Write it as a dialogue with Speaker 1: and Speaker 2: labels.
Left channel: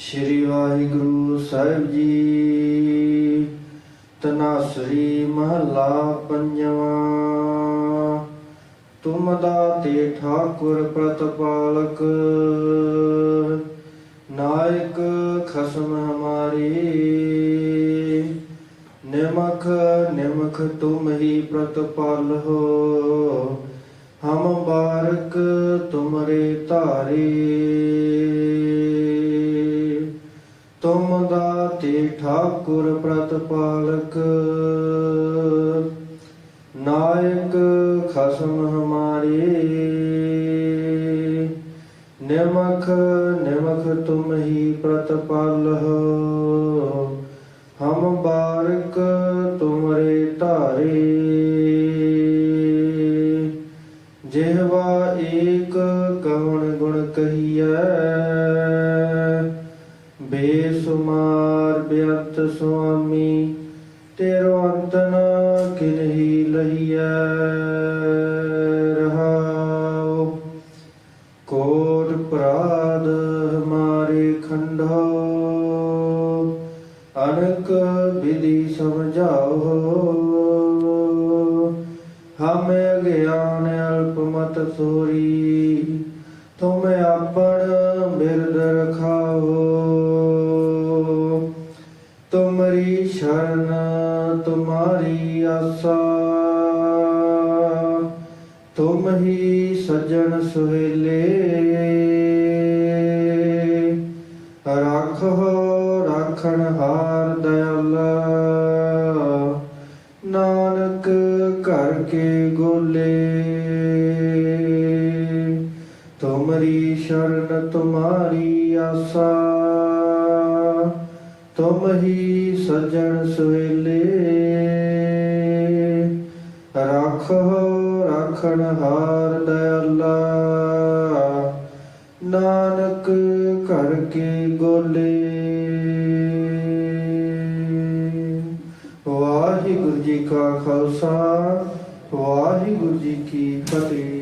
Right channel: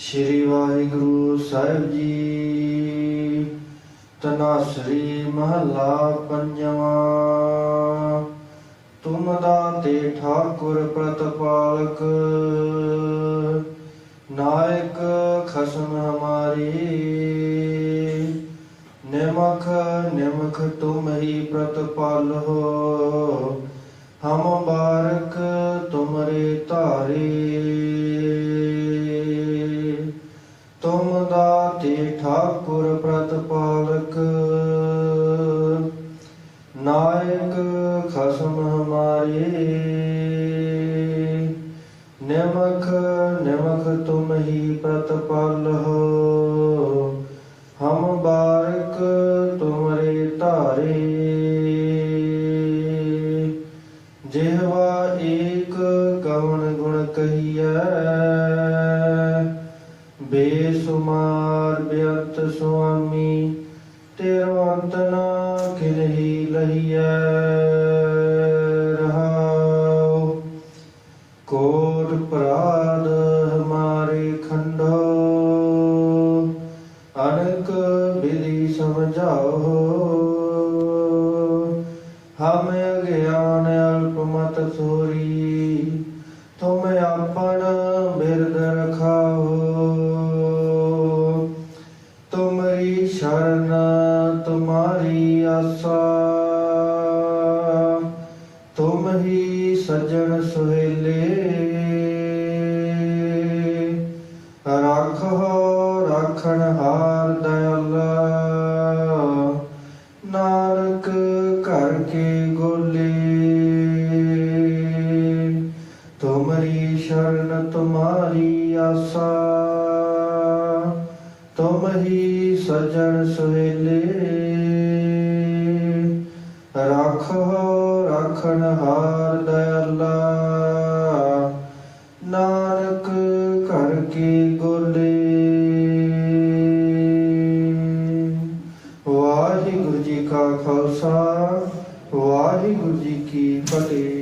Speaker 1: ਸ਼੍ਰੀ ਵਾਹਿਗੁਰੂ ਸਾਹਿਬ ਜੀ। ਤਨਾਸਰੀ ਮਹਲਾ ਪੰਜਵਾਂ। ਤੁਮ ਦਾਤੇ ਠਾਕੁਰ ਪ੍ਰਤਪਾਲਕ। ਨਾਇਕ ਖਸਮ ਹਮਾਰੀ। ਨਿਮਖ ਨਿਮਖ ਤੁਮ ਹੀ ਪ੍ਰਤਪਾਲ ਹੋ। ਹਮ ਬਾਰਕ ਤੁਮਰੇ ਧਾਰੇ। ਤੁਮ ਦਾਤੇ ਠਾਕੁਰ ਪ੍ਰਤਪਾਲਕ। ਨਾਇਕ ਖਸਮ ਹਮਾਰੇ। ਨਿਮਖ ਨਿਮਖ ਤੁਮ ਹੀ ਪ੍ਰਤਪਾਲ ਹੋ। ਹਮ ਬਾਰਕ ਤੁਮਰੇ ਧਾਰੇ। ਜਿਹਵਾ ਏਕ ਕਵਣ ਗੁਣ ਕਹੀਐ। ਬੇ ਤੇਰੋ ਅੰਤ ਨ ਲਈਐ ਰਹਾਉ। ਕੋਟ ਪ੍ਰਾਦ ਹਮਾਰੇ ਖੰਡੋ ਅਨਕ ਬਿਲੀ ਸਮਝਾਓ। ਹਮ ਅਗਿਆਨ ਅਲਪ ਮਤ ਸੂਰੀ, ਤੁਮ ਆਪਣ ਤੁਮਰੀ ਸ਼ਰਨ, ਤੁਮਾਰੀ ਆਸਾ। ਤੁਮ ਹੀ ਸਜਣ ਸੁਹੇਲੇ। ਰੱਖੋ ਰੱਖਣ ਹਾਰ ਦਇਆਲਾ। ਨਾਨਕ ਘਰ ਕੇ ਗੋਲੇ। ਤੁਮਰੀ ਸ਼ਰਨ, ਤੁਮਾਰੀ ਆਸਾ। ਤੁਮ ਹੀ ਸਜਣ ਸੁਹੇਲੇ ਰੱਖੋ ਰੱਖਣ ਹਾਰ ਦਇਆਲਾ। ਨਾਨਕ ਘਰ ਕੀ ਗੋਲੇ। ਵਾਹਿਗੁਰੂ ਜੀ ਕਾ ਖਾਲਸਾ, ਵਾਹਿਗੁਰੂ ਜੀ ਕੀ ਫਤਿਹ।